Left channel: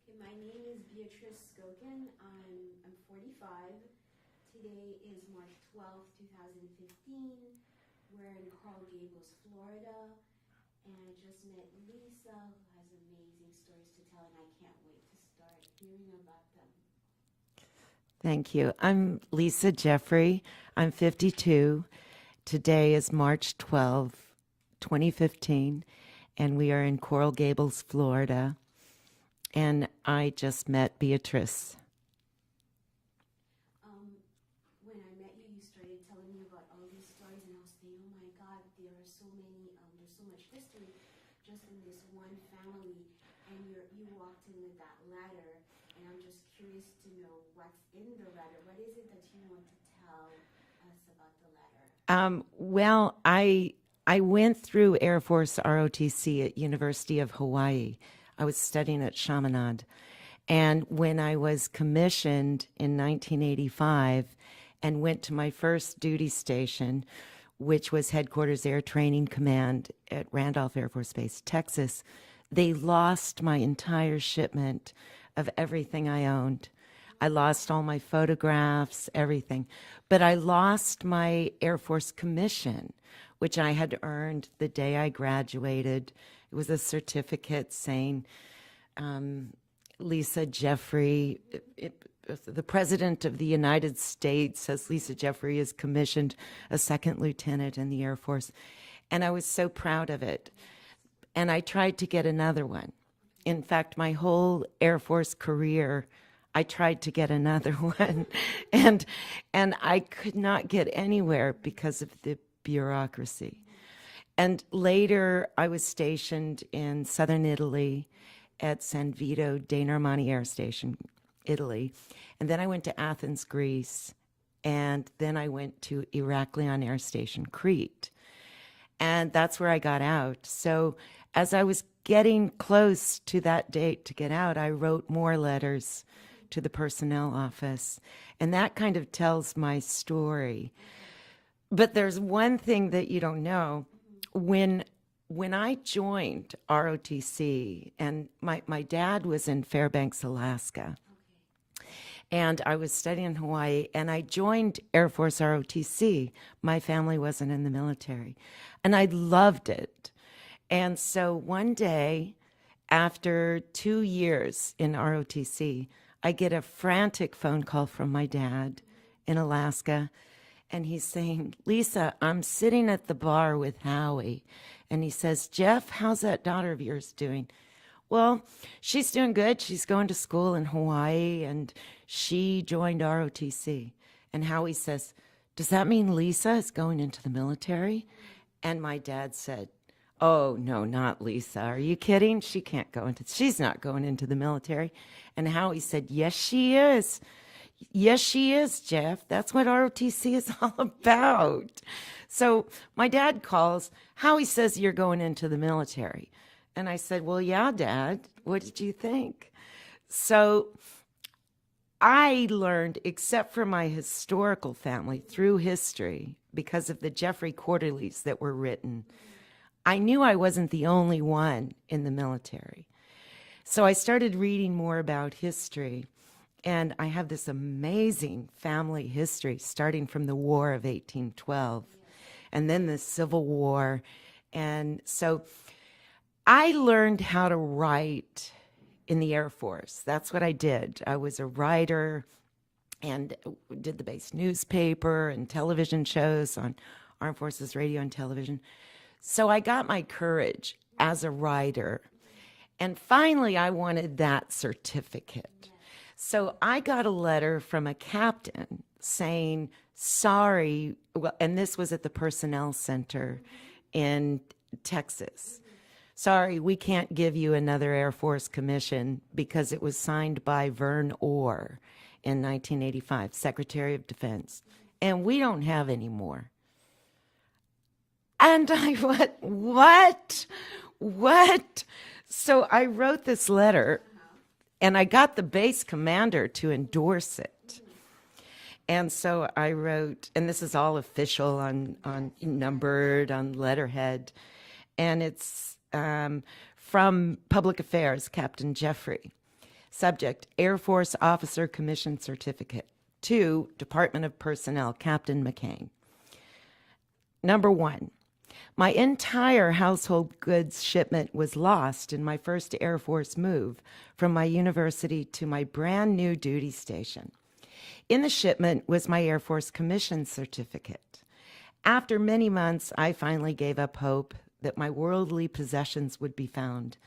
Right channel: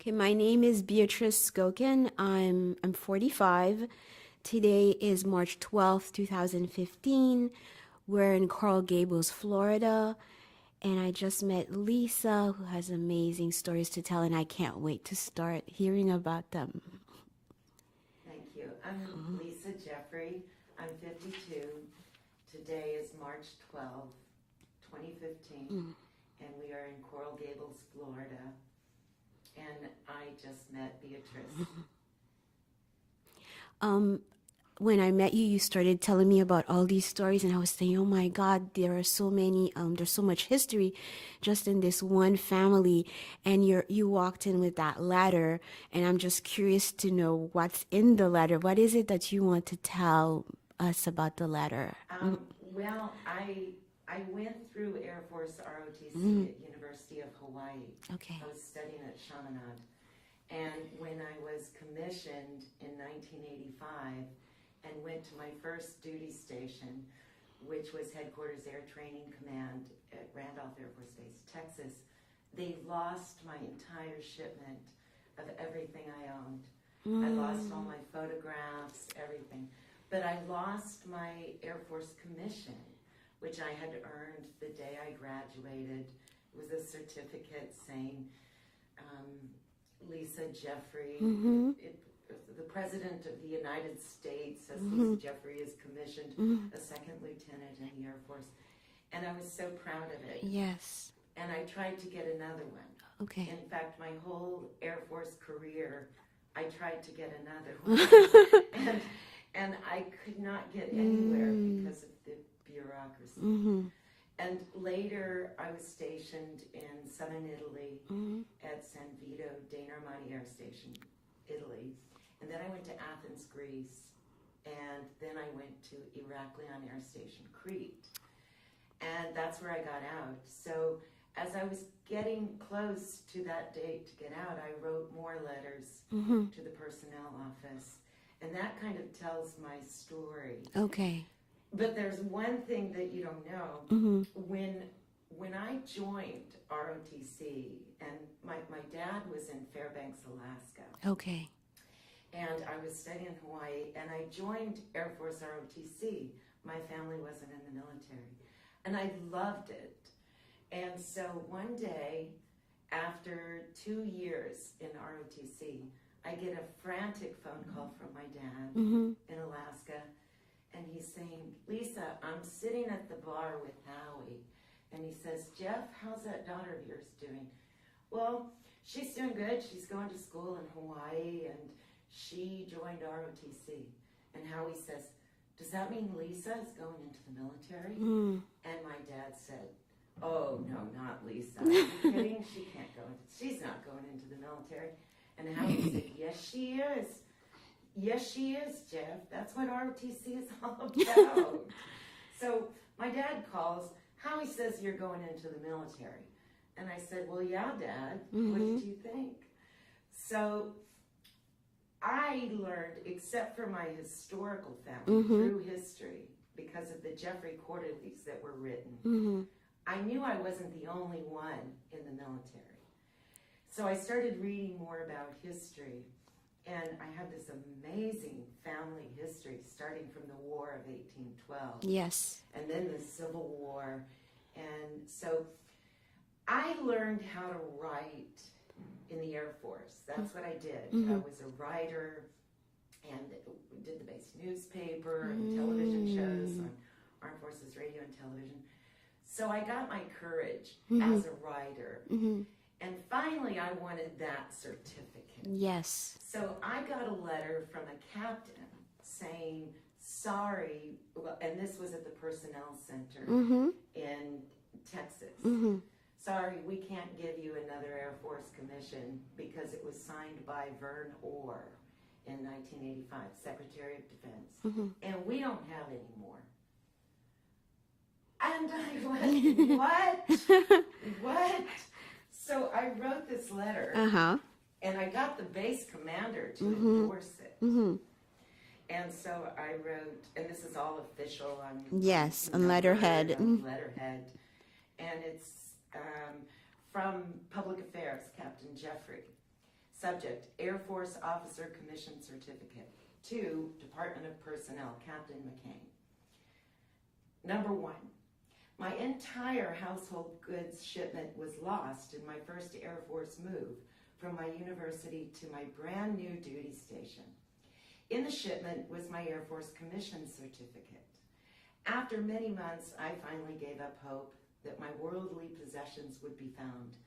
Okay, my name is Beatrice Skokin. I'm 45. Today is March 12th, 2015. We're in Coral Gables, Florida, and I just met Lisa, who has amazing stories to tell, and I can't wait to start hearing about them. Thank you. I'm Lisa Jeffery. I'm 52. Today is March 12th, 2015, and we are in Coral Gables, Florida. And I just met Beatrice. When I met you, you started telling me about all these stories, and I was saying, oh my God, there are so many, there's so much history just in this one family. And you walked in with that letter, and I'm just curious to know what's in the letter. What is it that you want to tell us about the letter? Well, I went through Air Force ROTC at University of Hawaii. Okay. I was studying at Chaminade. And when I was commissioned in 1985 and went to my first duty station, which was Headquarters Air Training Command at Randolph Air Force Base, Texas, they lost my entire shipment of everything I owned. I lost all my photographs, everything. But I lost my Air Force commission, which I had earned the day I graduated. It was a certificate saying, Lisa Jeffery, the President of the United States says Lisa Jeffery is commissioned a second lieutenant in the Air Force. And I was so proud of it. Yes. And I tried to get another one. Okay. In fact, my whole Air Force career, I tried to get another one. and I could not get anywhere because of the bureaucracy. And later, I was stationed in southern Italy at San Vito dei Normanni Air Station, Italy. And then I went to Athens, Greece. And then I went to Heraklion Air Station, Crete. And that's where I got out. So as I was getting close to that date to get out, I wrote more letters to the personnel office. And that kind of tells my story. Okay. But there's one thing that you don't know. When I joined ROTC, and my dad was in Fairbanks, Alaska, Okay. and I was studying in Hawaii, and I joined Air Force ROTC. My family wasn't in the military, and I loved it. And so one day, after 2 years in ROTC, I get a frantic phone call from my dad in Alaska. And he's saying, Lisa, I'm sitting at the bar with Howie. And he says, Jeff, how's that daughter of yours doing? Well, she's doing good. She's going to school in Hawaii, and she joined ROTC. And Howie says, does that mean Lisa is going into the military? And my dad said, oh, no, not Lisa. Are you kidding? She's not going into the military. And Howie said, yes, she is. Yes, she is, Jeff. That's what ROTC is all about. So my dad calls. Howie says you're going into the military. And I said, well, yeah, Dad. What did you think? So I learned, except for my historical family, through history, because of the Jeffery quarterlies that were written, I knew I wasn't the only one in the military. So I started reading more about history. And I have this amazing family history, starting from the War of 1812. Yes. And then the Civil War. And so I learned how to write in the Air Force. That's what I did. I was a writer and did the base newspaper and television shows on Armed Forces Radio and television. So I got my courage as a writer. And finally, I wanted that certificate. Yes. So I got a letter from a captain saying, sorry, well, and this was at the Personnel Center in Texas. Sorry, we can't give you another Air Force commission because it was signed by Vern Orr in 1985, Secretary of Defense, and we don't have any more. And I went, what? What? So I wrote this letter, and I got the base commander to endorse it. And so I wrote, and this is all official on numbered, letterhead. on letterhead. And it's from Public Affairs, Captain Jeffery. Subject, Air Force Officer Commission Certificate. 2, Department of Personnel, Captain McCain. Number 1, my entire household goods shipment was lost in my first Air Force move from my university to my brand new duty station. In the shipment was my Air Force Commission Certificate. After many months, I finally gave up hope that my worldly possessions would be found.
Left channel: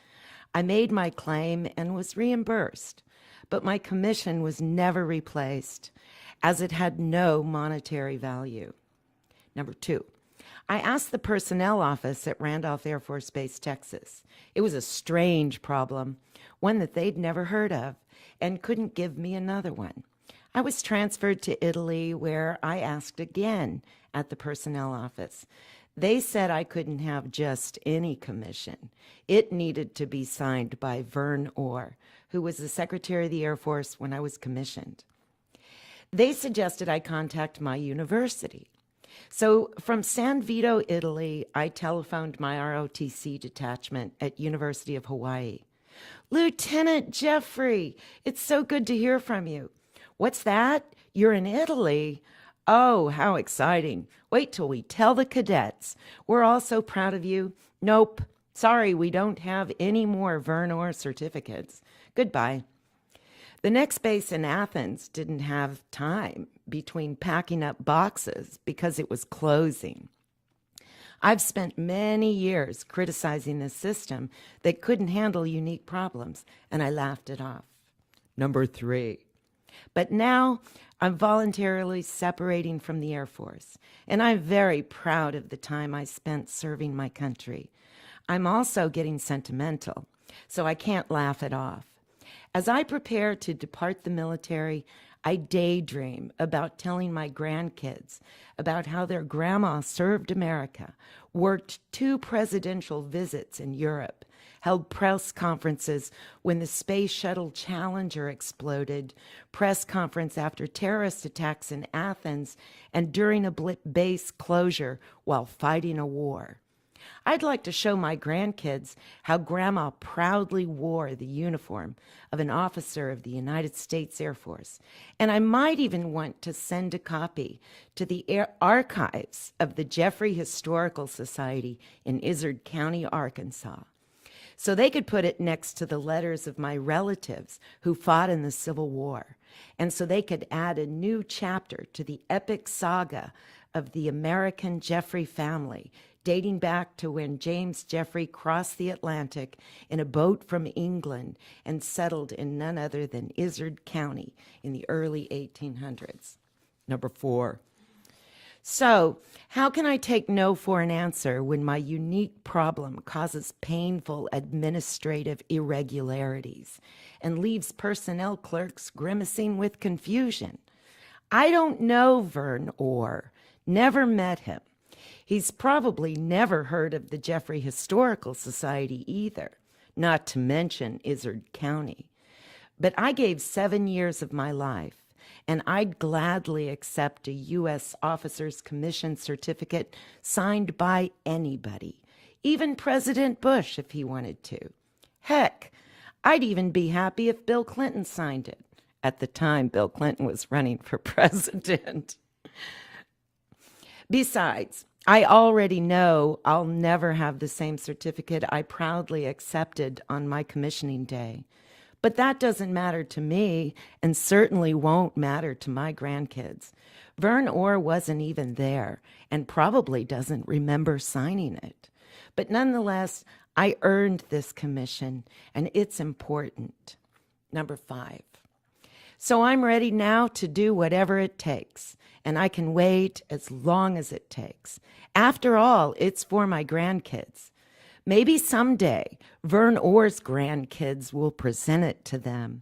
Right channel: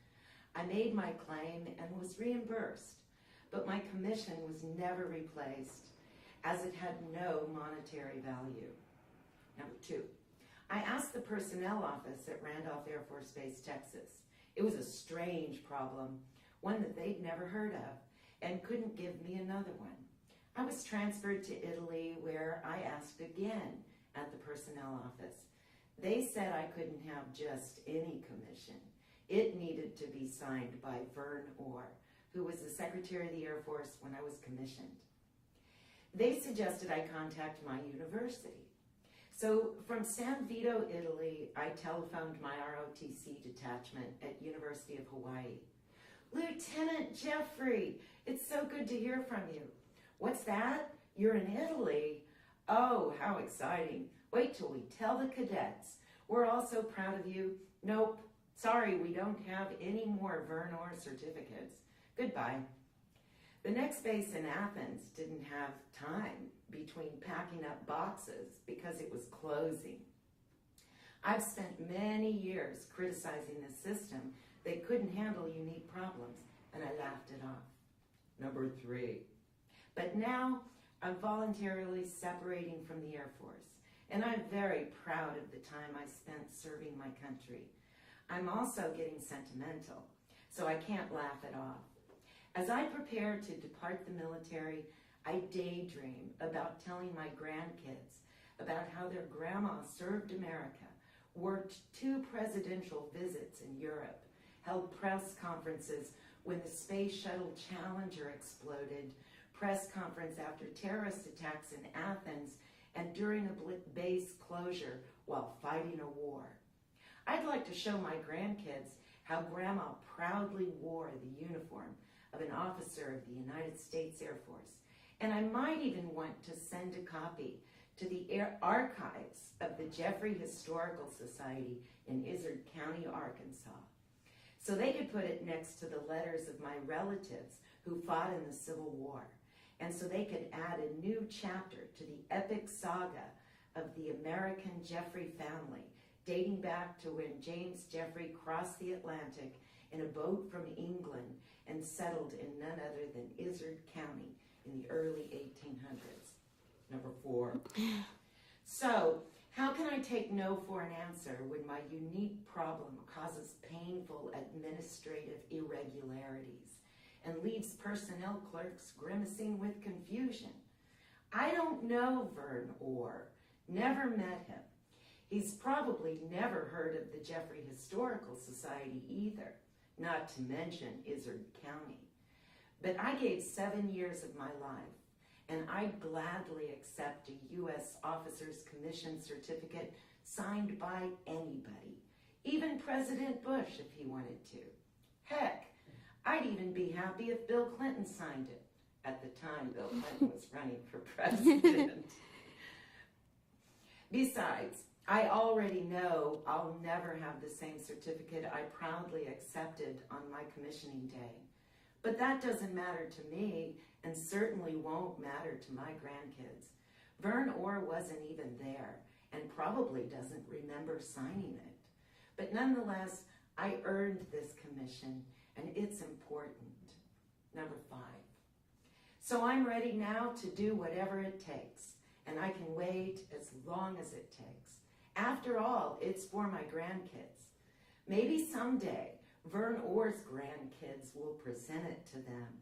I made my claim and was reimbursed, but my commission was never replaced as it had no monetary value. Number 2, I asked the personnel office at Randolph Air Force Base, Texas. It was a strange problem, one that they'd never heard of, and couldn't give me another one. I was transferred to Italy, where I asked again at the personnel office. They said I couldn't have just any commission. It needed to be signed by Vern Orr, who was the Secretary of the Air Force when I was commissioned. They suggested I contact my university. So from San Vito, Italy, I telephoned my ROTC detachment at University of Hawaii. Lieutenant Jeffery, it's so good to hear from you. What's that? You're in Italy? Oh, how exciting. Wait till we tell the cadets. We're all so proud of you. Nope. Sorry, we don't have any more Vern Orr certificates. Goodbye. The next base in Athens didn't have time between packing up boxes because it was closing. I've spent many years criticizing this system that couldn't handle unique problems, and I laughed it off. Number 3. But now I'm voluntarily separating from the Air Force, and I'm very proud of the time I spent serving my country. I'm also getting sentimental, so I can't laugh it off. As I prepare to depart the military, I daydream about telling my grandkids about how their grandma served America, worked 2 presidential visits in Europe, held press conferences when the Space Shuttle Challenger exploded, press conference after terrorist attacks in Athens, and during a base closure while fighting a war. I'd like to show my grandkids how Grandma proudly wore the uniform of an officer of the United States Air Force, and I might even want to send a copy to the archives of the Jeffery Historical Society in Izard County, Arkansas, so they could put it next to the letters of my relatives who fought in the Civil War, and so they could add a new chapter to the epic saga of the American Jeffery family, dating back to when James Jeffery crossed the Atlantic in a boat from England and settled in none other than Izard County in the early 1800s. Number 4. So, how can I take no for an answer when my unique problem causes painful administrative irregularities and leaves personnel clerks grimacing with confusion? I don't know Vern Orr, never met him. He's probably never heard of the Jeffery Historical Society either, not to mention Izard County. But I gave 7 years of my life, and I'd gladly accept a U.S. Officers Commission certificate signed by anybody, even President Bush if he wanted to. Heck, I'd even be happy if Bill Clinton signed it. At the time, Bill Clinton was running for president. Besides, I already know I'll never have the same certificate I proudly accepted on my commissioning day. But that doesn't matter to me, and certainly won't matter to my grandkids. Vern Orr wasn't even there, and probably doesn't remember signing it. But nonetheless, I earned this commission, and it's important. Number 5. So I'm ready now to do whatever it takes, and I can wait as long as it takes. After all, it's for my grandkids. Maybe someday Vern Orr's grandkids will present it to them.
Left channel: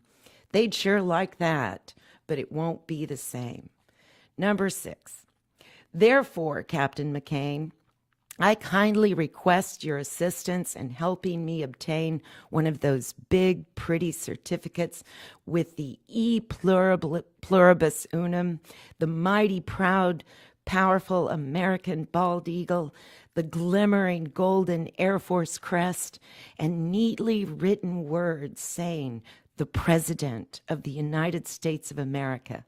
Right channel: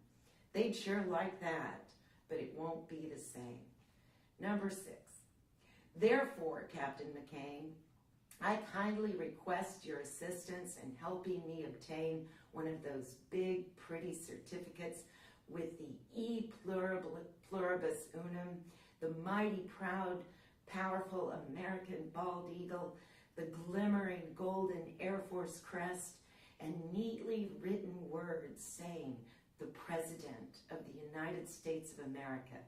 They'd sure like that, but it won't be the same. Number 6. Therefore, Captain McCain, I kindly request your assistance in helping me obtain one of those big, pretty certificates with the E pluribus unum, the mighty, proud, powerful American bald eagle, the glimmering golden Air Force crest, and neatly written words saying the President of the United States of America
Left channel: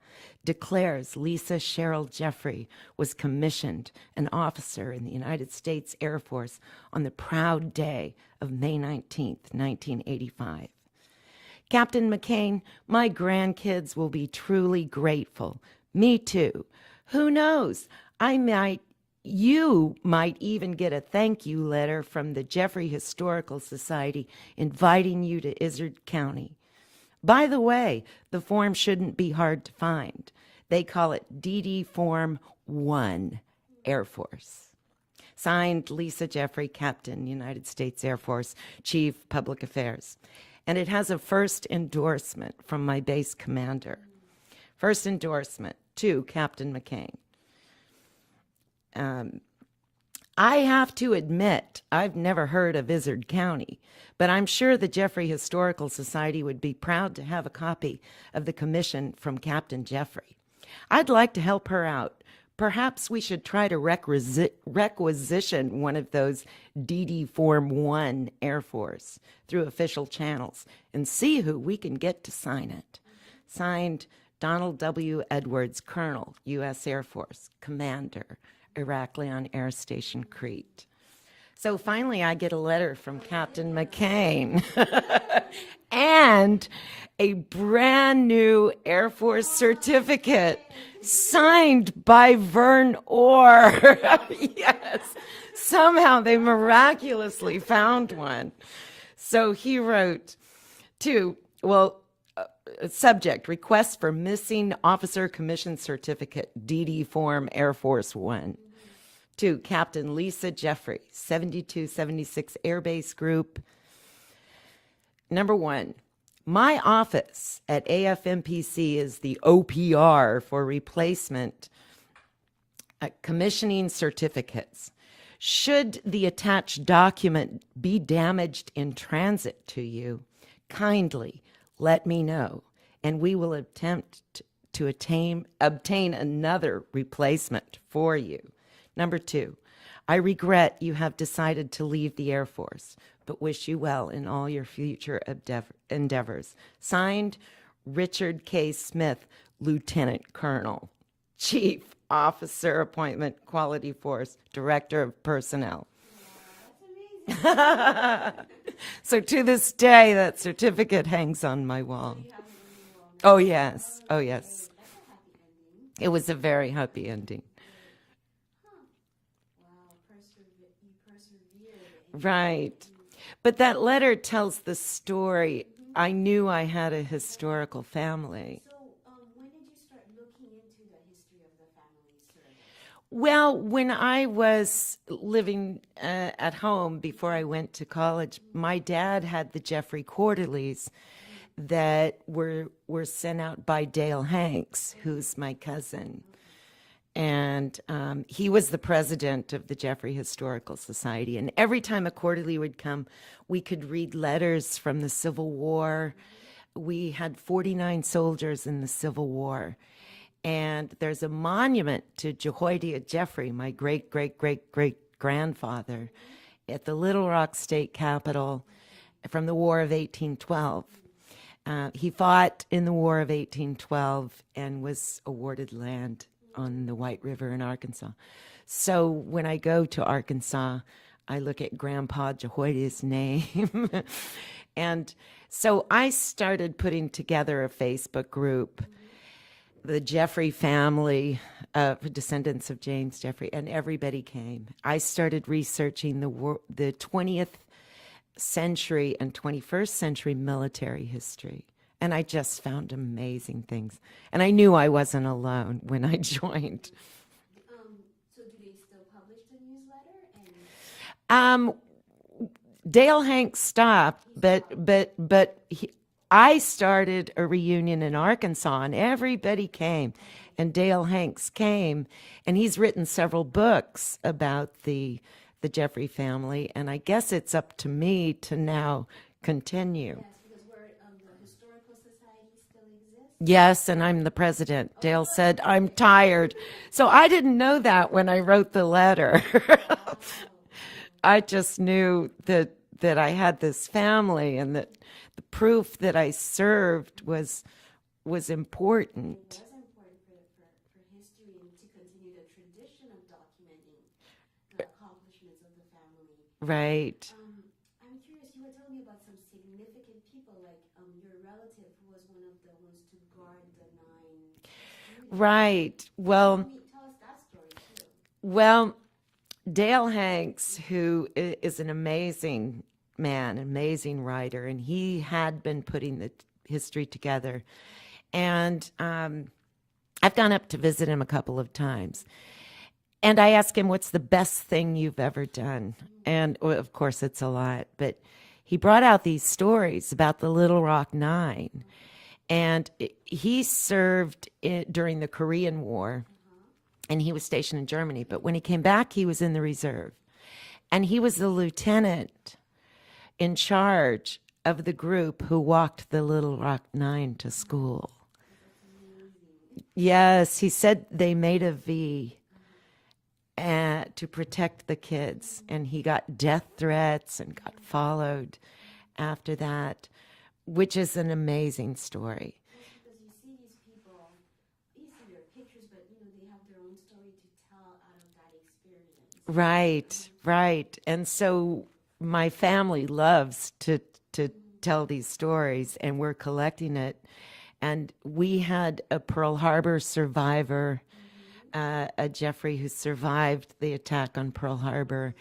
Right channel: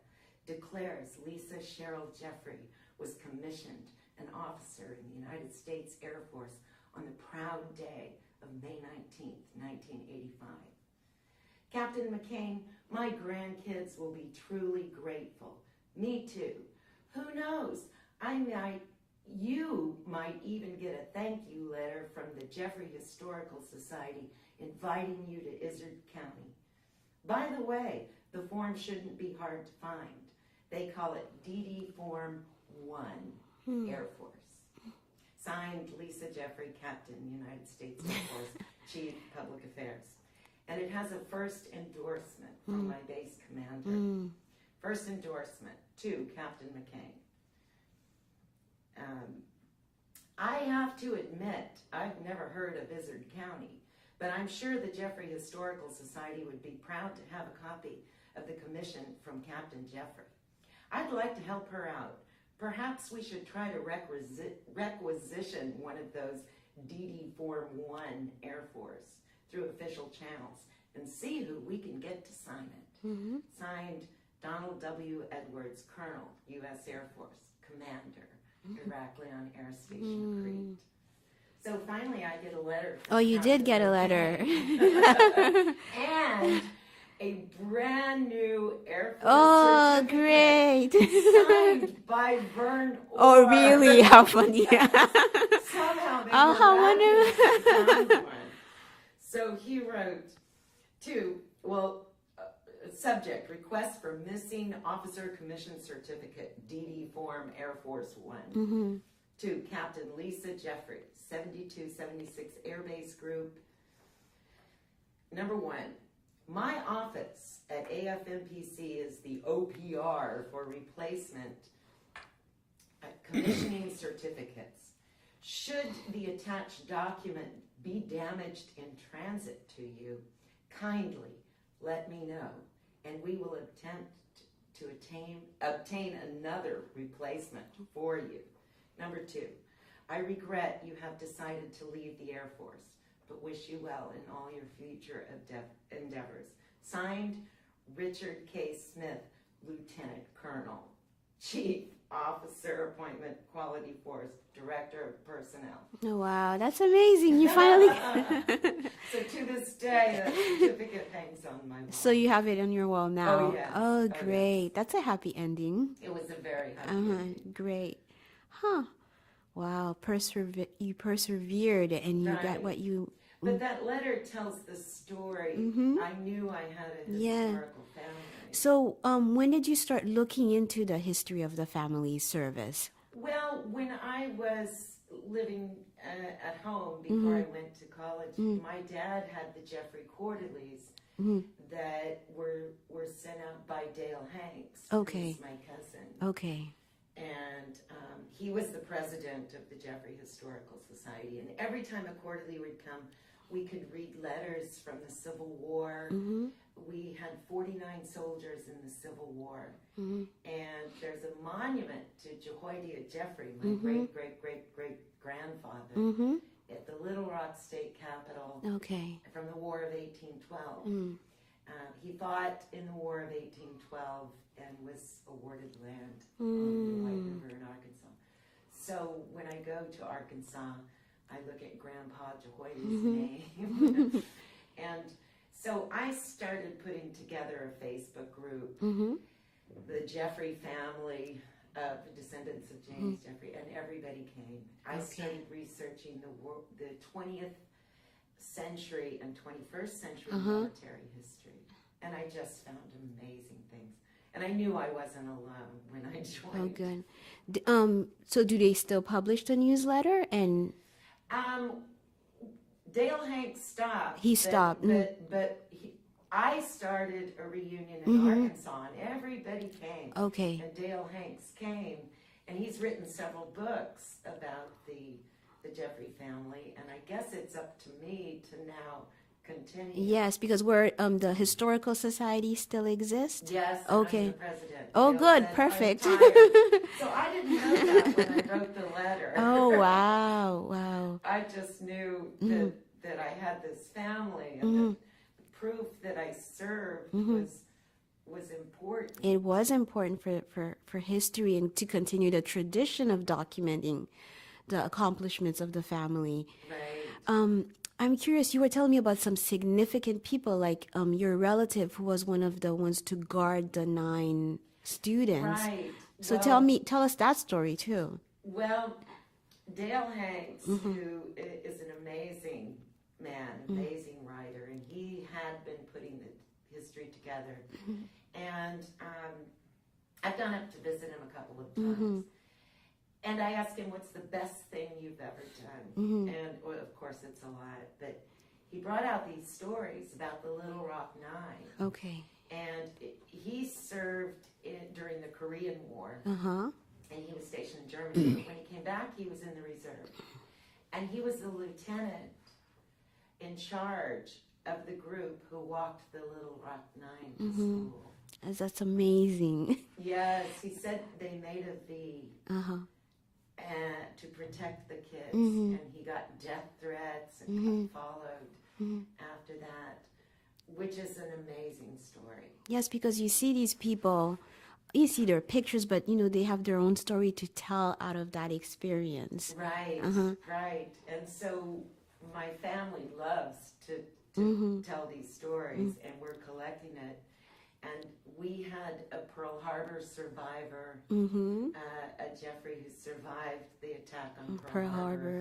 declares Lisa Cheryl Jeffery was commissioned an officer in the United States Air Force on the proud day of May 19th, 1985. Captain McCain, my grandkids will be truly grateful. Me too. Who knows? You might even get a thank you letter from the Jeffery Historical Society inviting you to Izard County. By the way, the form shouldn't be hard to find. They call it DD Form 1, Air Force. Signed, Lisa Jeffery, Captain, United States Air Force, Chief, Public Affairs. And it has a first endorsement from my base commander. First endorsement to Captain McCain. I have to admit, I've never heard of Izard County, but I'm sure the Jeffery Historical Society would be proud to have a copy of the commission from Captain Jeffery. I'd like to help her out. Perhaps we should try to requisition one of those DD Form 1 Air Force through official channels and see who we can get to sign it. Signed, Donald W. Edwards, Colonel, U.S. Air Force, Commander, Heraklion Air Station, Crete. So finally I get a letter from Captain you did get McCain. a letter. And a brand new Air Force certificate great. signed by Vern Orr. Oh, really? How funny. Yes. Somehow they miraculously found one. So he wrote subject, request for missing officer commission certificate, DD Form Air Force 1. To Captain Lisa Jeffery, 7276 Air Base Group. Number 1, my office at AFMPC is the OPR for replacement commissioning certificates. Should the attached document be damaged in transit to you, kindly let me know, and we will attempt to obtain another replacement for you. Number 2, I regret you have decided to leave the Air Force, but wish you well in all your future endeavors. Signed, Richard K. Smith, Lieutenant Colonel, Chief Officer Appointment, Quality Force, Director of Personnel. Oh, wow, that's amazing. You finally... So to this day, that certificate hangs on my wall. So you have it on your wall now? Oh, yes. Oh, Oh, great. yes. That's a happy ending. It was a very happy ending. Great. Huh. Wow, you persevered and you Right. got what you... But that letter tells the story. I knew I had a historical family. So when did you start looking into the history of the family service? Well, when I was living at home before I went to college, my dad had the Jeffery Quarterlies that were sent out by Dale Hanks, who's my cousin. Okay. And he was the president of the Jeffery Historical Society. And every time a quarterly would come, we could read letters from the Civil War. We had 49 soldiers in the Civil War. And there's a monument to Jehoiada Jeffery, my great-great-great-great-grandfather, at the Little Rock State Capitol from the War of 1812. He fought in the War of 1812 and was awarded land on the White River in Arkansas. So when I go to Arkansas, I look at Grandpa Jehoiada's name. And so I started putting together a Facebook group, the Jeffery family, descendants of James Jeffery, and everybody came. I started researching the 20th century and 21st century military history. And I just found amazing things. And I knew I wasn't alone when I joined. Good. So do they still publish the newsletter? And Dale Hanks stopped. He stopped. But I started a reunion in Arkansas, and everybody came. Okay. And Dale Hanks came, and he's written several books about the Jeffery family, and I guess it's up to me to now continue. Yes, because the Historical Society still exists? Yes, and I'm Okay. the president. Oh, Dale good, said, I'm perfect. tired. So I didn't know that when I wrote the letter. Oh, wow. I just knew that that I had this family, and that the proof that I served was important. It was important for history and to continue the tradition of documenting the accomplishments of the family. Right. I'm curious, you were telling me about some significant people, like your relative who was one of the ones to guard the 9 students. Right. So Well, tell us that story too. well, Dale Hanks, who is an amazing man, amazing writer, and he had been putting the history together. And I've gone up to visit him a couple of times. And I asked him, what's the best thing you've ever done? And well, of course, it's a lot. But he brought out these stories about the Little Rock Nine. Okay. And he served during the Korean War. And he was stationed in Germany. But when he came back, he was in the reserve. And he was the lieutenant in charge of the group who walked the Little Rock Nine to school. That's amazing. Yes, he said they made a V to protect the kids, and he got death threats and got followed after that, which is an amazing story. Yes, because you see these people, you see their pictures, but they have their own story to tell out of that experience. Right, right. And so my family loves to tell these stories, and we're collecting it. And we had a Pearl Harbor survivor, a Jeffery, who survived the attack on Pearl Harbor.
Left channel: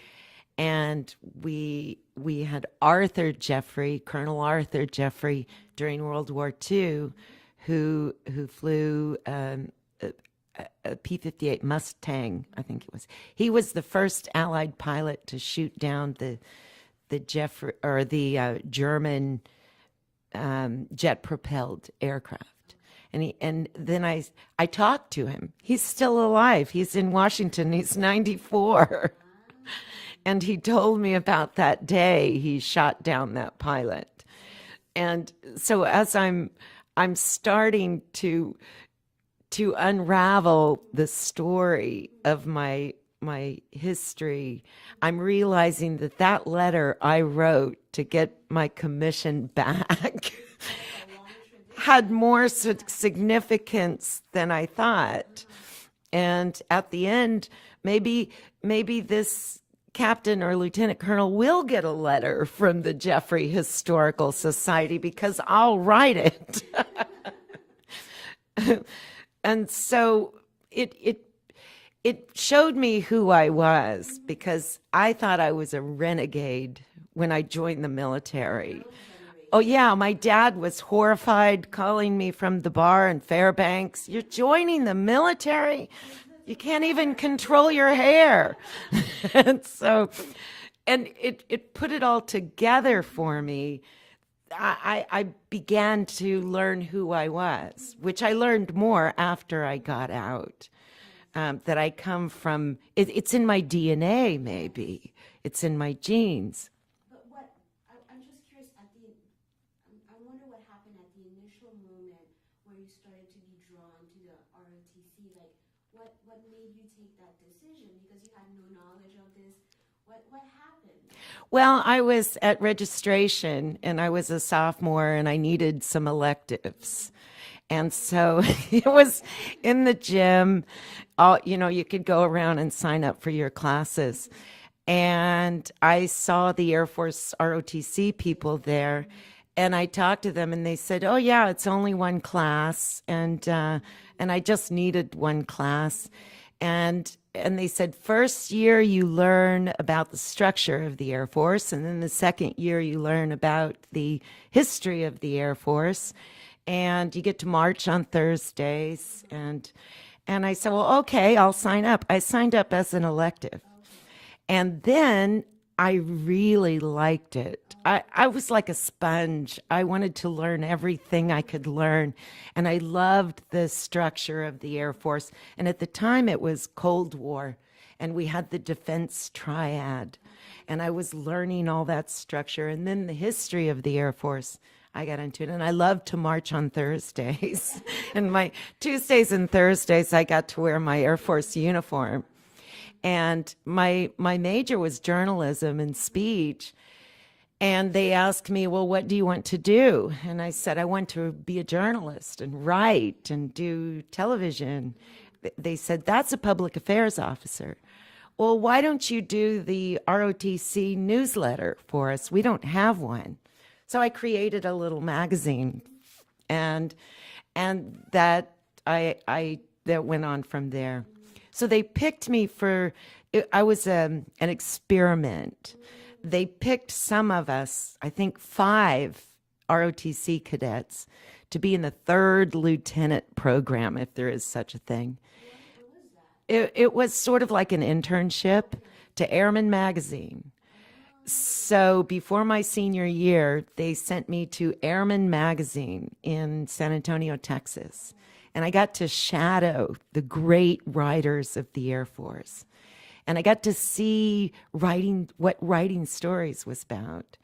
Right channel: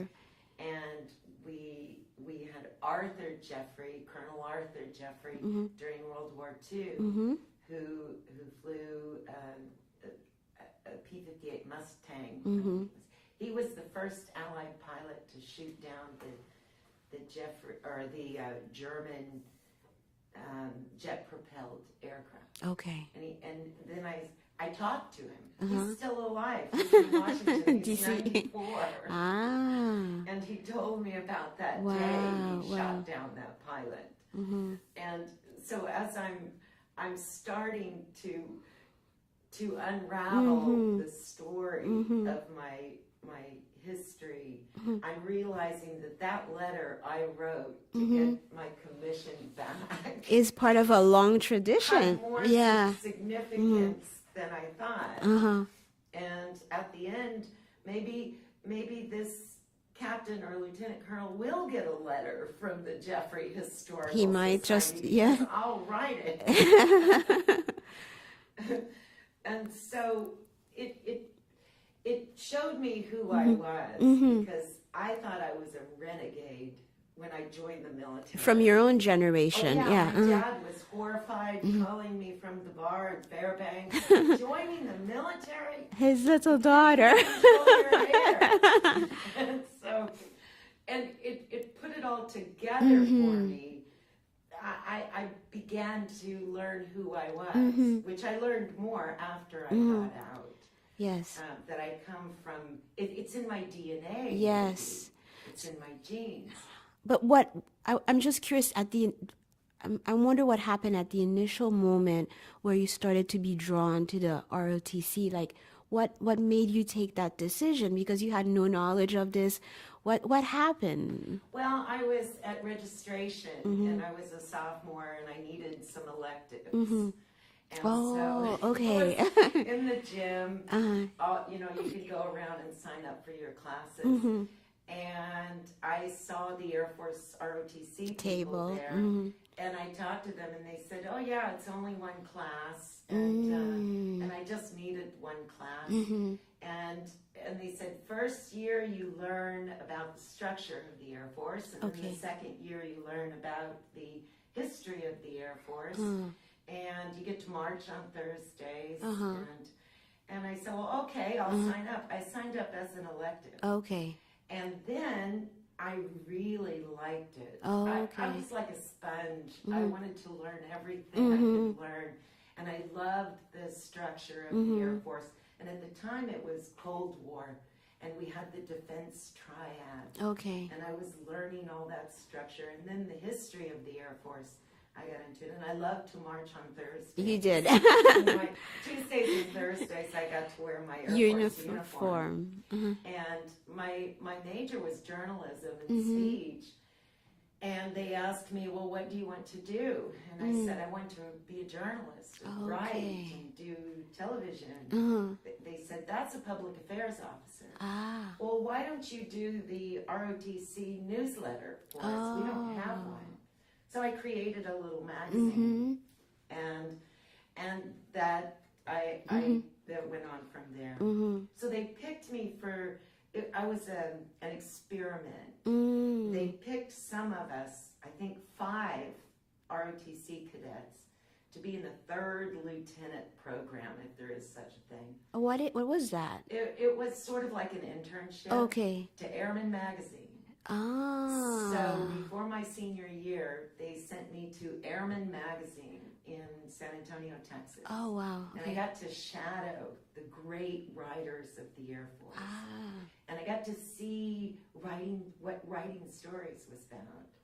And we had Arthur Jeffery, Colonel Arthur Jeffery, during World War II, who flew a P-58 Mustang, I think it was. He was the first Allied pilot to shoot down the Jeffery, or the German jet-propelled aircraft. Okay. And then I talked to him. He's still alive. He's in Washington. He's 94. And he told me about that day he shot down that pilot. And so as I'm starting to unravel the story of my history, I'm realizing that letter I wrote to get my commission back Is part of a long tradition. had more significance than I thought. And at the end, maybe this captain or lieutenant colonel will get a letter from the Jeffery Historical He might Society, just- because I'll write it. And so it showed me who I was, because I thought I was a renegade when I joined the military. From your own generation. Oh, yeah. My dad was horrified, calling me from the bar in Fairbanks. "You're joining the military? His little You can't daughter. even control your hair." And it put it all together for me. I began to learn who I was, which I learned more after I got out. Yes. That I come from, it's in my DNA, Yes. maybe. It's in my genes. But I'm just curious I wonder what happened at the initial moment where you started to be drawn to the ROTC. Like, what made you take that decision? Because you had no knowledge of this. What happened? Well, I was at registration, and I was a sophomore, and I needed some electives. And so it was in the gym. You could go around and sign up for your classes. And I saw the Air Force ROTC people there. And I talked to them, and they said, "Oh, yeah, it's only one class." And I just needed one class. And they said, first year you learn about the structure of the Air Force, and then the second year you learn about the history of the Air Force. And you get to march on Thursdays. And I said, well, okay, I'll sign up. I signed up as an elective. Okay. And then I really liked it. I was like a sponge. I wanted to learn everything I could learn. And I loved the structure of the Air Force. And at the time, it was Cold War. And we had the defense triad. Okay. And I was learning all that structure. And then the history of the Air Force, I got into it. And I loved to march on Thursdays. You did. And my Tuesdays and Thursdays, I got to wear my Air Force uniform. And my major was journalism and speech. And they asked me, well, what do you want to do? And I said, I want to be a journalist and write and do television. They said, that's a public affairs officer. Well, why don't you do the ROTC newsletter for us? We don't have one. So I created a little magazine, and that that went on from there. So they picked me for. I was an experiment. They picked some of us, I think 5 ROTC cadets, to be in the 3rd lieutenant program, if there is such a thing. What was that? It was sort of like an internship to Airman Magazine. So before my senior year, they sent me to Airman Magazine in San Antonio, Texas. Oh, wow. And I got to shadow the great writers of the Air Force. And I got to see what writing stories was about.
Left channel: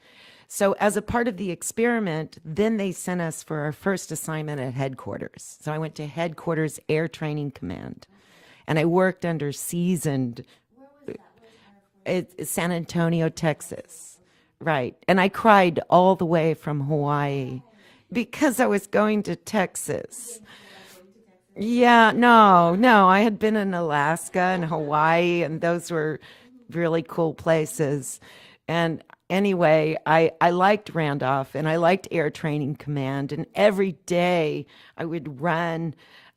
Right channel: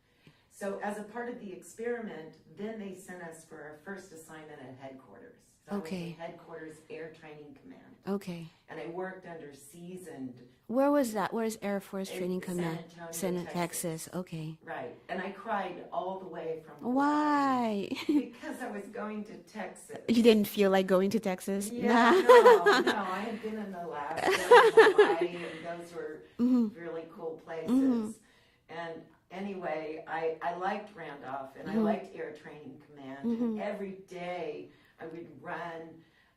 So as a part of the experiment, then they sent us for our first assignment at headquarters. So I went to Headquarters Air Training Command. Okay. And I worked under seasoned. Where was that? Where's Air Force Training Command? San Antonio, Texas. Okay. Right. And I cried all the way from Hawaii. Why? Because I was going to Texas. You didn't feel like going to Texas? Yeah, no. I had been in Alaska and Hawaii, and those were really cool places. And anyway, I liked Randolph, and I liked Air Training Command, and every day I would run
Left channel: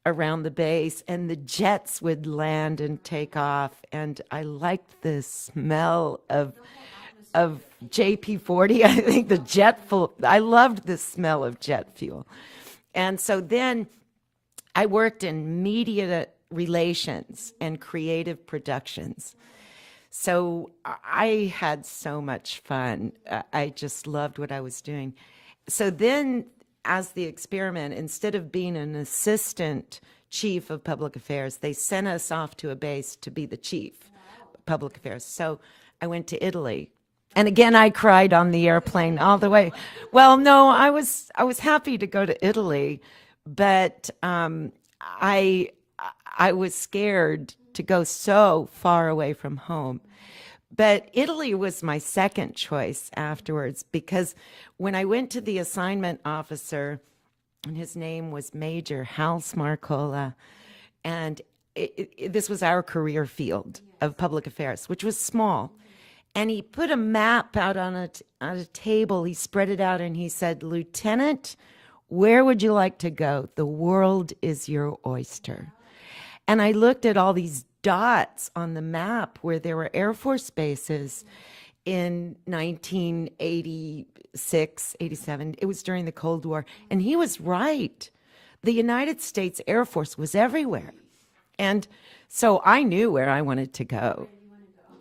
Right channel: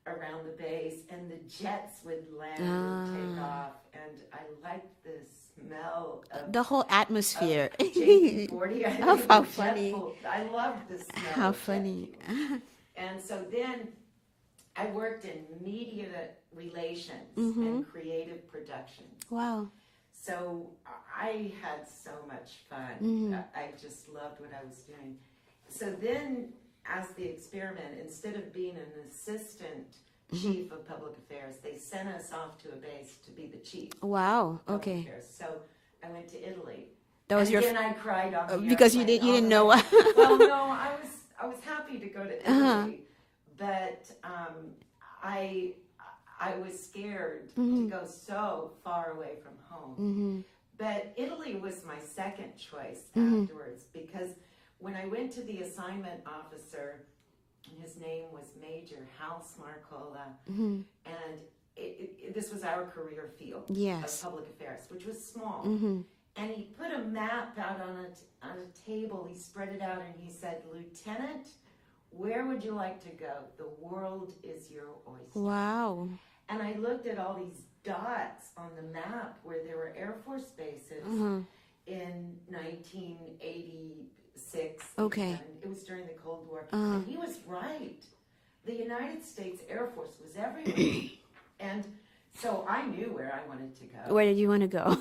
around the base, and the jets would land and take off, and I liked the smell of the whole atmosphere. Of JP-40. I think the jet fuel. I loved the smell of jet fuel. And so then I worked in media relations and creative productions. Wow. So I had so much fun. I just loved what I was doing. So then, as the experiment, instead of being an assistant chief of public affairs, they sent us off to a base to be the chief Wow. of public affairs. So I went to Italy. That And was again, I cried on the because you airplane didn't- all you the didn't way. know. Well, no, I was happy to go to Italy, but I was scared to go so far away from home. But Italy was my second choice afterwards, because when I went to the assignment officer, and his name was Major Hal Smarcola, and this was our career field of public affairs, which was small. And he put a map out on a table. He spread it out, and he said, "Lieutenant, where would you like to go? The world is your oyster." Wow. And I looked at all these dots on the map where there were Air Force bases in 1986, 87. It was during the Cold War. And he was right. The United States Air Force was everywhere. And so I knew where I wanted to go. Where did you want to go?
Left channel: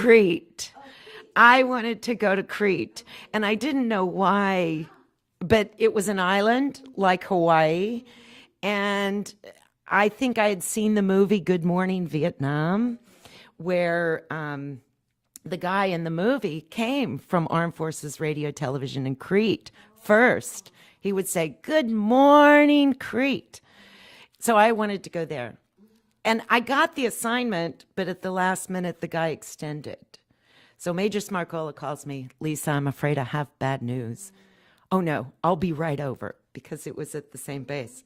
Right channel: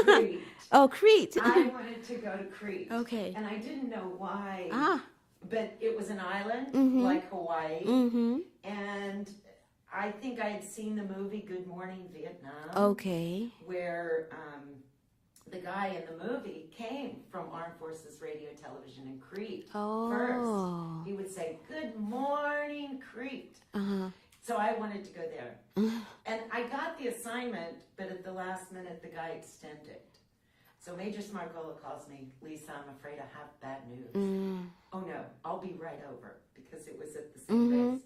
Crete. Oh, Crete. I wanted to go to Crete. Okay. And I didn't know why. But it was an island like Hawaii. And I think I had seen the movie Good Morning Vietnam. Okay. Where the guy in the movie came from Armed Forces Radio Television in Crete first. He would say, "Good morning, Crete." So I wanted to go there. And I got the assignment, but at the last minute, the guy extended. So Major Smarcola calls me, "Lisa, I'm afraid I have bad news." "Oh, no, I'll be right over," because it was at the same base.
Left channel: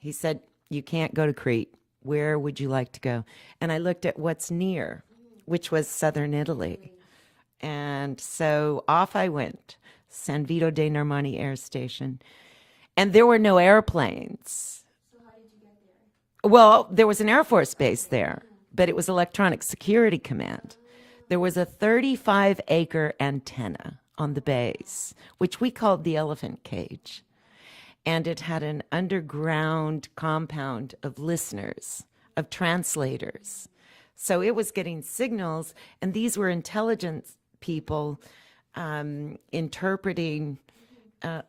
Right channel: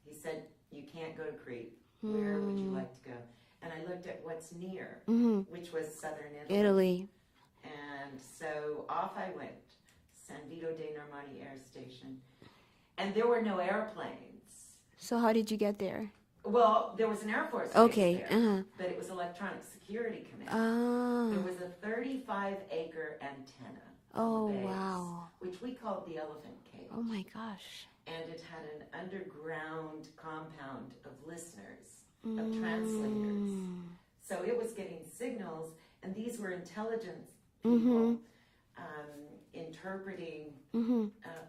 He said, "You can't go to Crete. Where would you like to go?" And I looked at what's near, which was southern Italy. And so off I went, San Vito dei Normanni Air Station. And there were no airplanes. So how did you get there? Well, there was an Air Force base Okay, there, but it was Electronic Security Command. There was a 35-acre antenna on the base, which we called the elephant cage. Oh, my gosh. And it had an underground compound of listeners, of translators. So it was getting signals, and these were intelligence people interpreting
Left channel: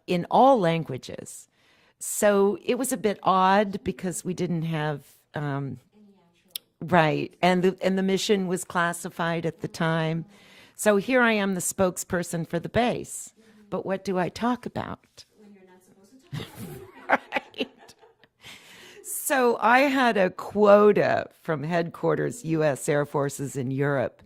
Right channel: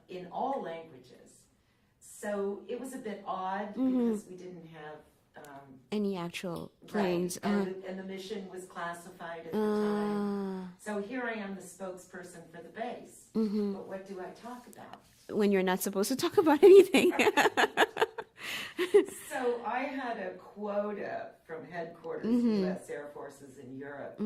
in all languages. So it was a bit odd because we didn't have Any actual right, planes? and the mission was classified at the time. So here I am, the spokesperson for the base. But what do I talk about? When you're not supposed to talk about anything. So I had a quota from headquarters, U.S. Air Forces in Europe,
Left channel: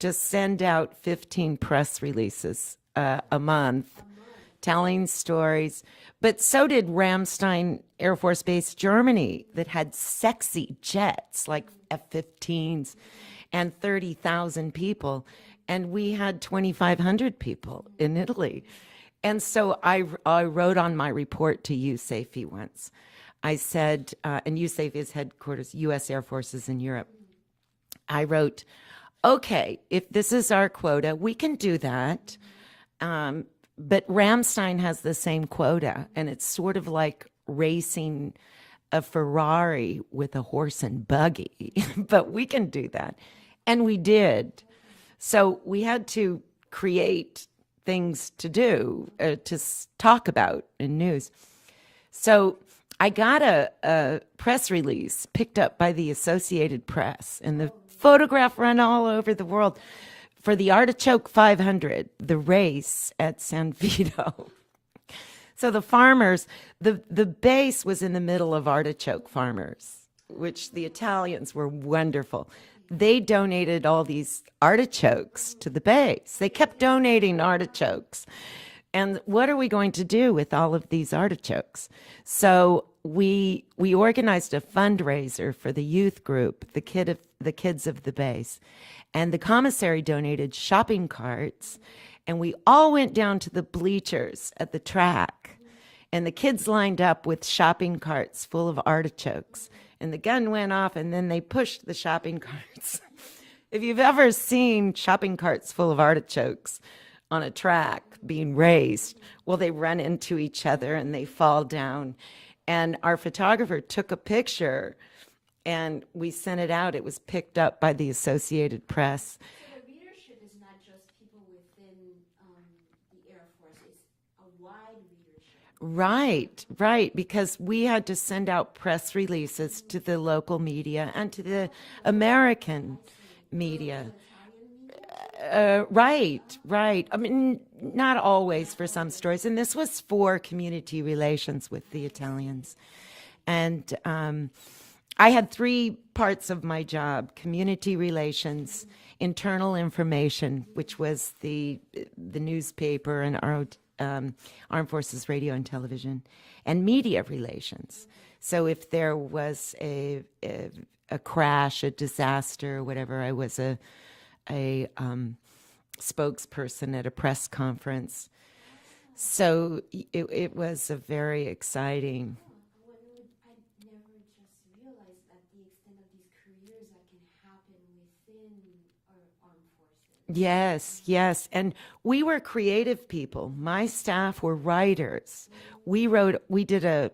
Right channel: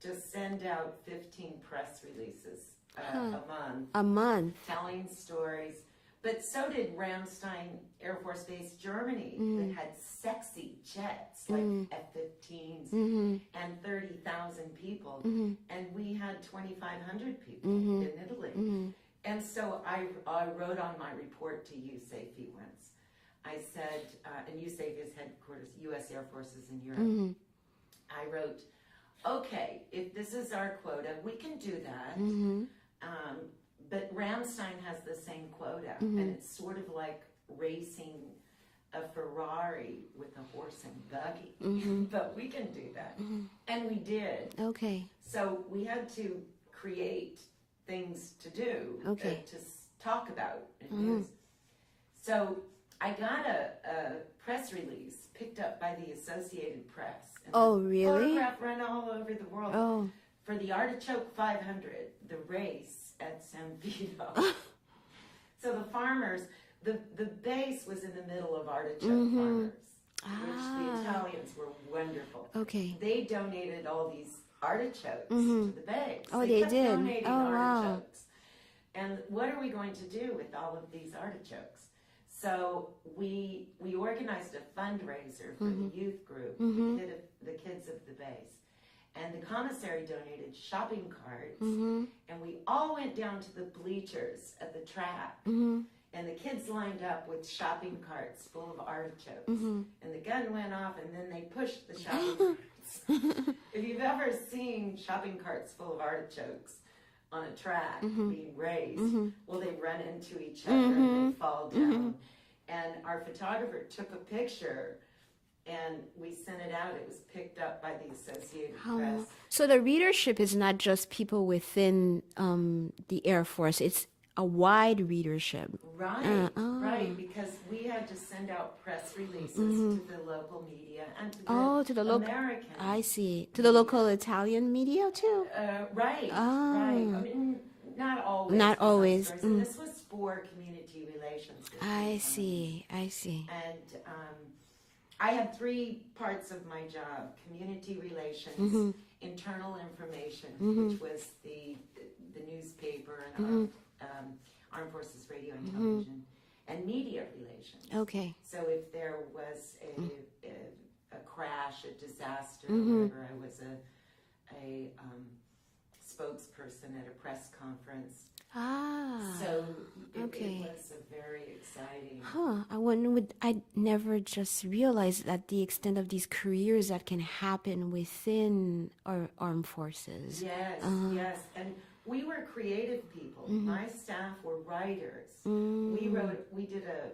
to send out 15 press releases a month. A month. Telling stories. But so did Ramstein Air Force Base, Germany, that had sexy jets like F-15s and 30,000 people. And we had 2,500 people in Italy. And so I wrote on my report to USAFE once. I said, and USAFE is headquarters, U.S. Air Forces in Europe. I wrote, okay, if this is our quota, we can do that. But Ramstein has the same quota, and it's sort of like racing a Ferrari with a horse and buggy. But we can do that. And we did. Okay. So we had to create things to do, to talk about in news. So I got a press release picked up by the Associated Press, and the really? photograph ran all over the world for the Artichoke 500, the race at San Vito. So the farmers, the base was in the middle of artichoke farmers, which the Italians were wonderful. Okay. They donated all these artichokes to the base. They they kept did? donating Oh, wow. artichokes. And what are we going to do with all of these artichokes? So we organized a fundraiser for the youth group, the kids of the base. And the commissary donated shopping carts, and we all went down to the bleachers at the track. And the kids lined up with shopping carts full of artichokes. And the gun went off, and then they pushed the shopping carts. If you've ever seen shopping carts full of artichokes on a track being raised, well, they run into each other and they fall down. And our photographer took a picture, and we sent it out. It was picked up by the Associated Press. So the readership is not just people within the Air Force. It's a wide readership. Right, right. Because we had to send out press releases to the local media and to the, to the local- American. I see. To media. the local Italian media, too? Right, right. I mean, not always Not for some always. stories. And this was for community relations with the Italians. I see. And I had three parts of my job: community relations, internal information, which was the newspaper and our Armed Forces Radio and Television, and media relations. Okay. So if there was a crash, a disaster, whatever, I was a spokesperson at a press conference. So it was a very exciting. I never just realized that the extent of these careers that can happen within our armed forces. Yes, yes. And we were creative people. My staff were writers. We did a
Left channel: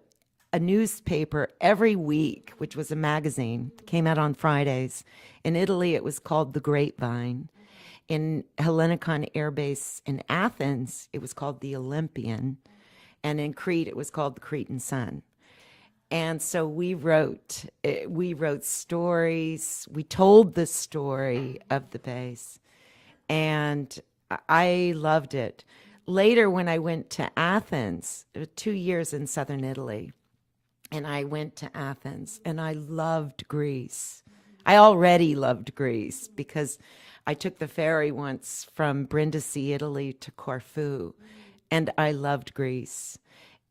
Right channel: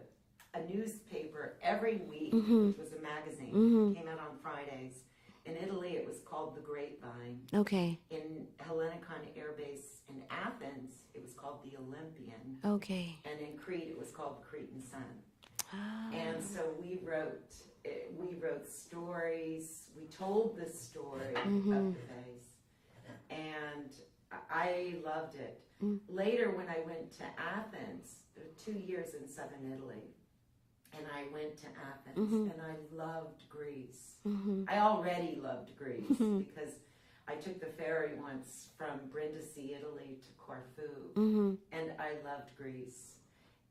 newspaper every week, which was a magazine, came out on Fridays. In Italy, it was called The Grapevine. Okay. In Hellinikon Air Base in Athens, it was called The Olympian. Okay. And in Crete, it was called The Cretan Sun. And so we wrote stories. We told the story of the base, and I loved it. Later, when I went to Athens, 2 years in southern Italy, and I went to Athens, and I loved Greece. I already loved Greece because I took the ferry once from Brindisi, Italy, to Corfu, and I loved Greece.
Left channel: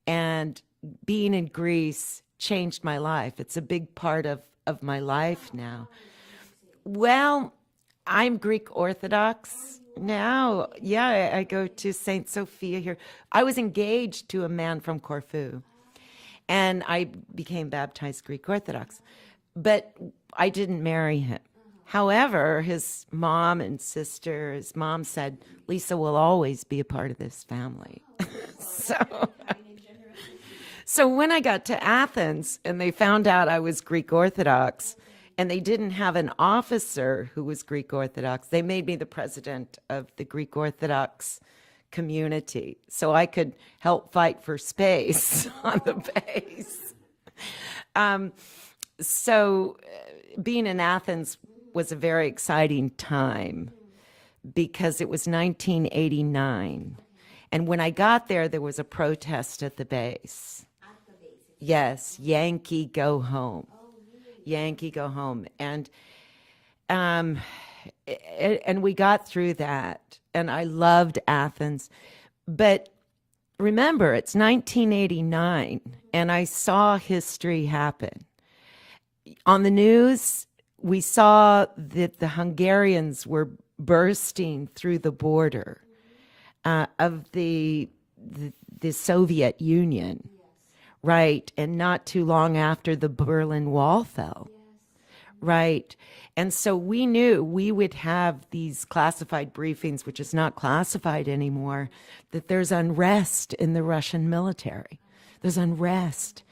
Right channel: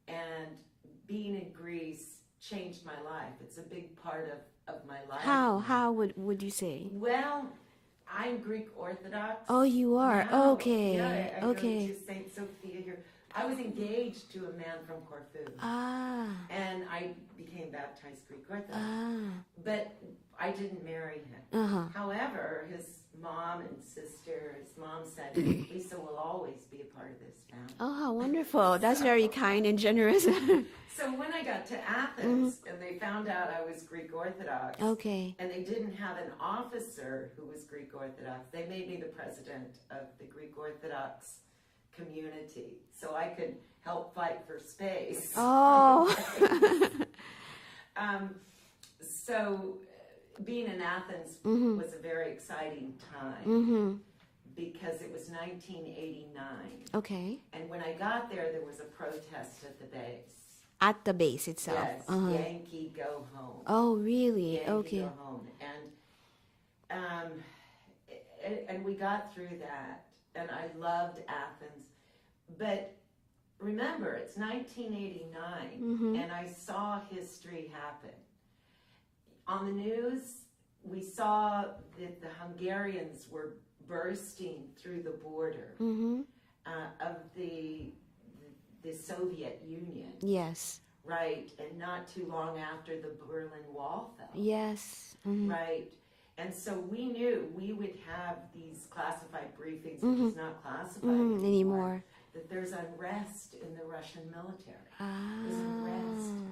And being in Greece changed my life. It's a big part of my life now. How would you say? Well, I'm Greek Orthodox. Oh, you are? Now. Okay. Yeah, I go Okay. to St. Sophia here. I was engaged to a man from Corfu. And I became baptized Greek Orthodox. But I didn't marry him. However, his mom and sister, his mom said, Lisa will always be a part of this family. Oh, how wonderful. That's very kind and generous. So when I got to Athens and they found out I was Greek Orthodox, Okay. and they didn't have an officer who was Greek Orthodox, they made me the president of the Greek Orthodox community so I could help fight for space on the base. So being in Athens was a very exciting time because it was 1989. Okay. And when I got there, there was a protest at the base. At the base itself. Yes, Yankee go home. Oh, really? Yankee Okay. go home. And we got through that. and I loved Athens. But remember, it's 1989, and I saw history happen. On the news, we saw that the Hungarians were bursting through the border of the Soviet Union. Yes. Right, and not too long after the Berlin Wall fell. Yes. Right. And so we knew we would have these classified briefings, which is not classified anymore, that there's unrest in the Russian military. There's unrest.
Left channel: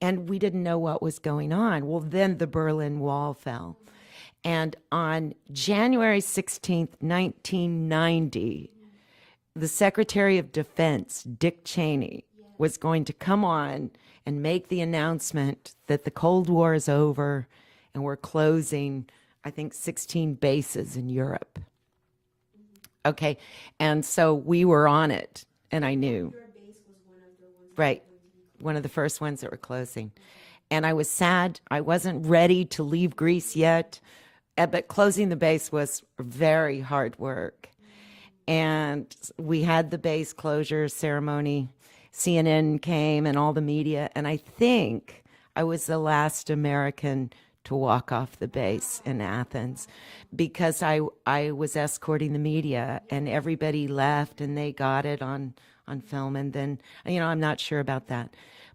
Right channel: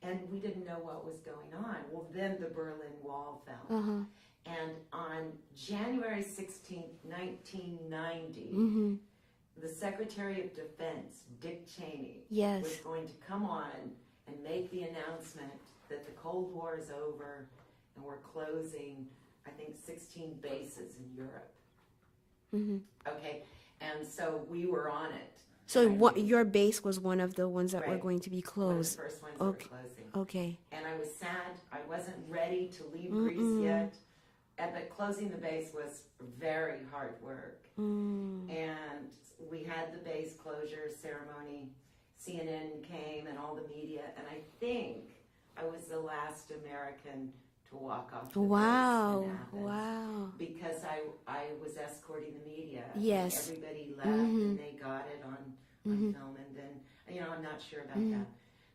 And we didn't know what was going on. Well, then the Berlin Wall fell. And on January 16th, 1990, the Secretary of Defense, Dick Cheney, Yes. was going to come on and make the announcement that the Cold War is over and we're closing, I think, 16 bases in Europe. Okay. And so we were on it. So and I knew. your base was one of the ones that Right. were going to be closed. One of the first ones that were closing. Okay. And I was sad. I wasn't ready to leave Greece yet. But closing the base was very hard work. And we had the base closure ceremony. CNN came and all the media. And I think I was the last American to walk off the base in Athens. Wow. Because I was escorting the media and Yes. everybody left and they got it on film. And then, I'm not sure about that.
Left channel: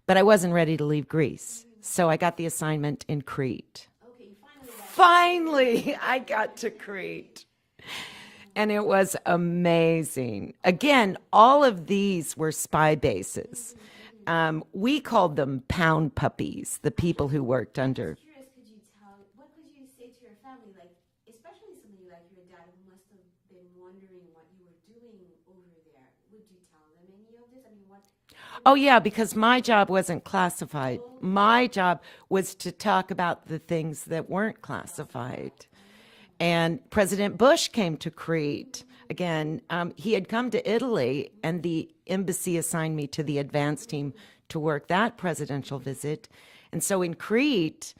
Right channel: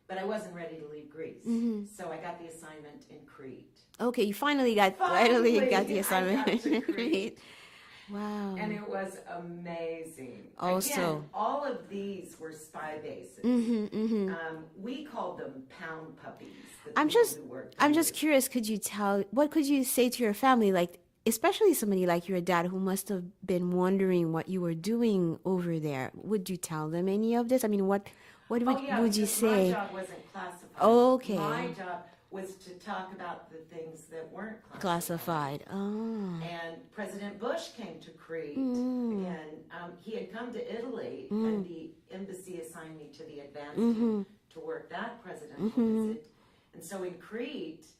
But I wasn't ready to leave Greece. So I got the assignment in Crete. Okay, you finally got Finally, the I got assignment. to Crete. Wow. And it was amazing. Again, all of these were spy bases. We called them pound puppies, the people who worked under. I'm just curious, what could you say to your family, like, especially somebody like your dad who must have been wondering what you were doing over there? Would you tell them any of this? I mean, what Oh, yeah, would you because my say? job wasn't classified. Okay. My job was to talk about the things that weren't Classified. Oh. And President Bush came to Crete. Again, he had come to Italy, and the embassy assigned me to the advance team to work that presidential visit. And so in Crete,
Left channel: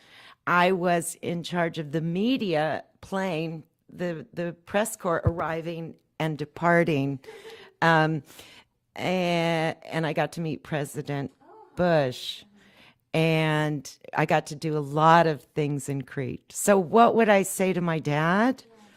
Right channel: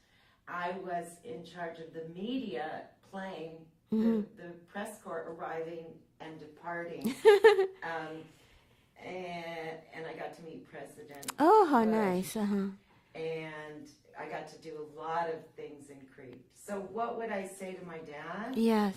I was in charge of the media plane, the press corps arriving and departing. And I got to meet President Oh, how Bush. nice. And I got to do a lot of things in Crete. So what would I say to my dad? Yes.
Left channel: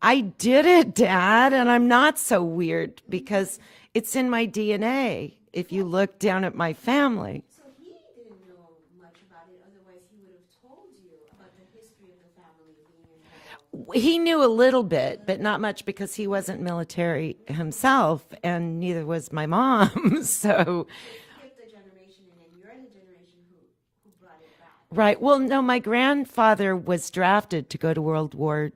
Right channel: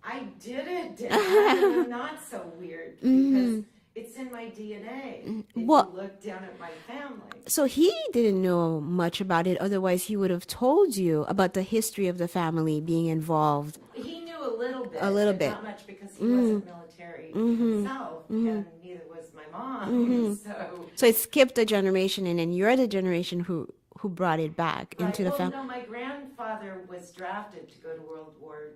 I did it, Dad, and I'm not so weird because it's in my DNA. If you look down at my family. So he didn't know much about it. Otherwise, he would have told you about the history of the family being involved. He knew a little bit, but bit. not much because he wasn't military himself, and neither was my mom. So So it skipped a generation, and then you're the generation who brought it back. right. into the Well, no, my grandfather was drafted to go to World War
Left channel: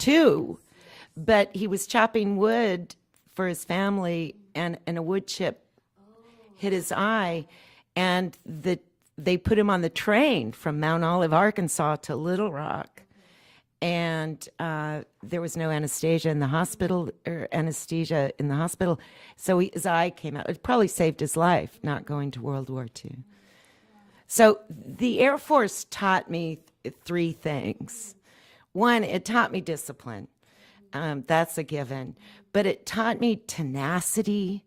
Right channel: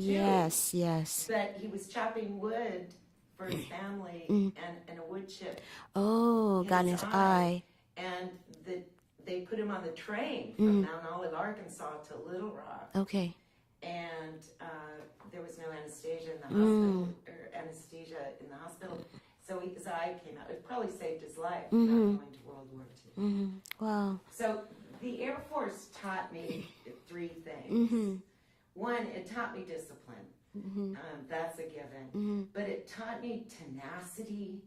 II. Yes. But he was chopping wood for his family, and a wood chip Oh, hit got his his eye. And they put him on the train from Mount Olive, Arkansas to Little Rock. Okay. And there was no anesthesia in the hospital, or anesthesia in the hospital. So his eye came out. It probably saved his life, not going to World War II. Wow. So the Air Force taught me three things. One, it taught me discipline. That's a given. But it taught me tenacity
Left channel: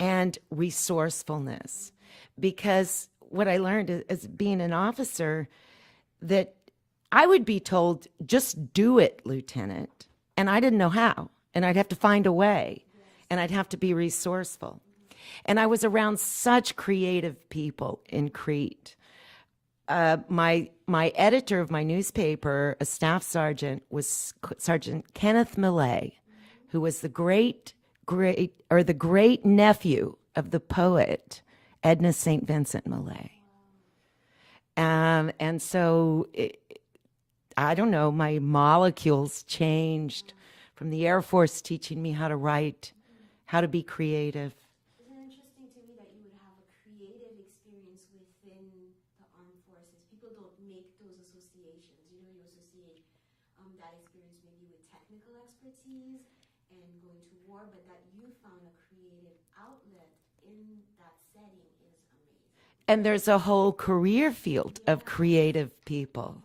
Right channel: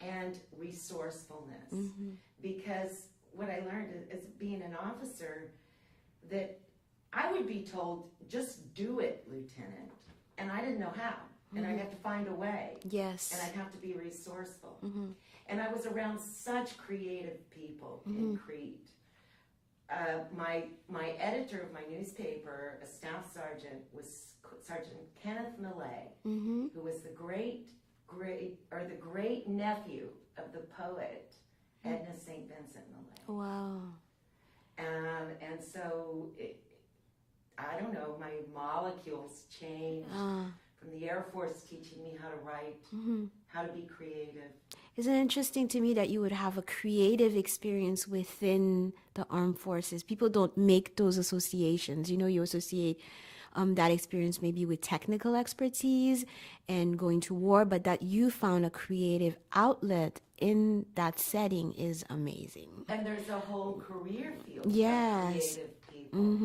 and resourcefulness. Because what I learned as being an officer, that I would be told, just do it, Lieutenant. And I didn't know how. And I'd have to find a way. Yes. And I'd have to be resourceful. And I was around such creative people in Crete. My editor of my newspaper, a staff sergeant, was Sergeant Kenneth Millay, who was the great nephew of the poet Edna St. Vincent Millay. Wow. And so, I don't know, my molecules changed from the Air Force teaching me how to write, how to be creative. Isn't it interesting to me that you would have a creative experience within the armed forces? People don't make those associations. You associate that experience maybe with technical expertise and going to war, but that you found a creative outlet in that setting is amazing. And there's a whole career field of creative people.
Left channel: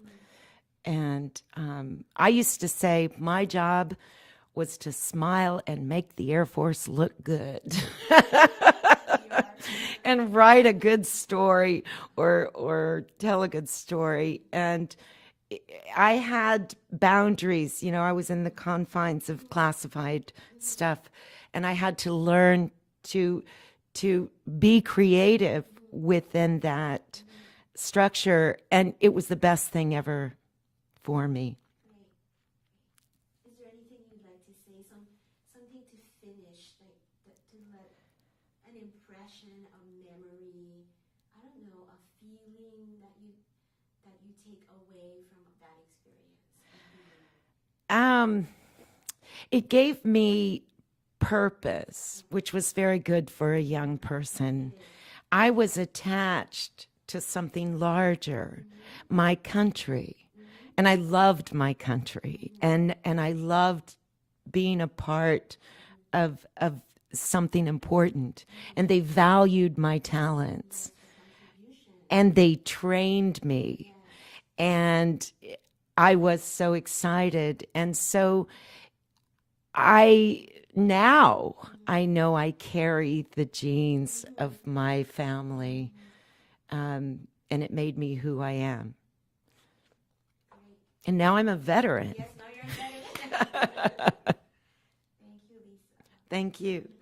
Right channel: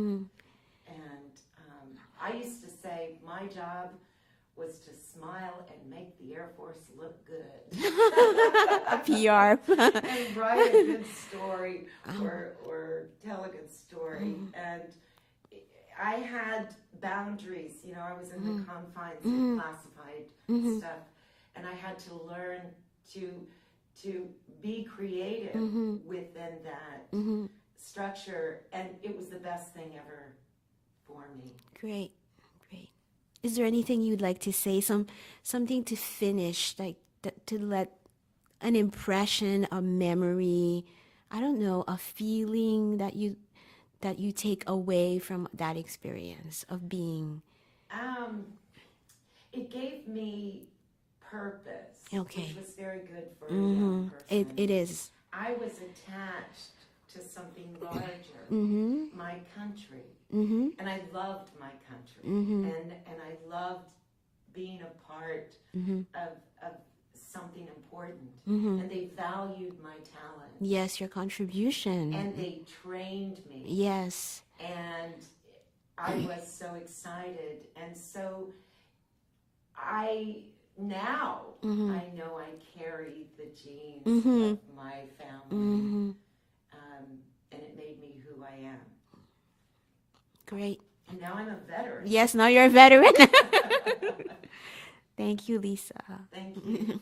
And I used to say my job was to smile and make the Air Force look good. PR. And write a good story or tell a good story. And I had boundaries. You know, I was in the confines of classified stuff, and I had to learn to be creative within that structure, and it was the best thing ever for me. Great. Is there anything you'd like to say? Something to finish, like to let an impression, a memory, I don't know, a feeling that you take away from that experience of being. It gave me purpose, which was very good for a young person. It is. I was attached to something larger, my country. And I loved my country. And I loved being a part of something important. And they valued my talents. Yes, your contribution. And they trained me. Yes. And I was so excited. And so I know I carry the genes of my family. And it made me who I am. Great. And now I'm a veteran. Yes, now you're a veteran. Thank you, Lisa. Thank you.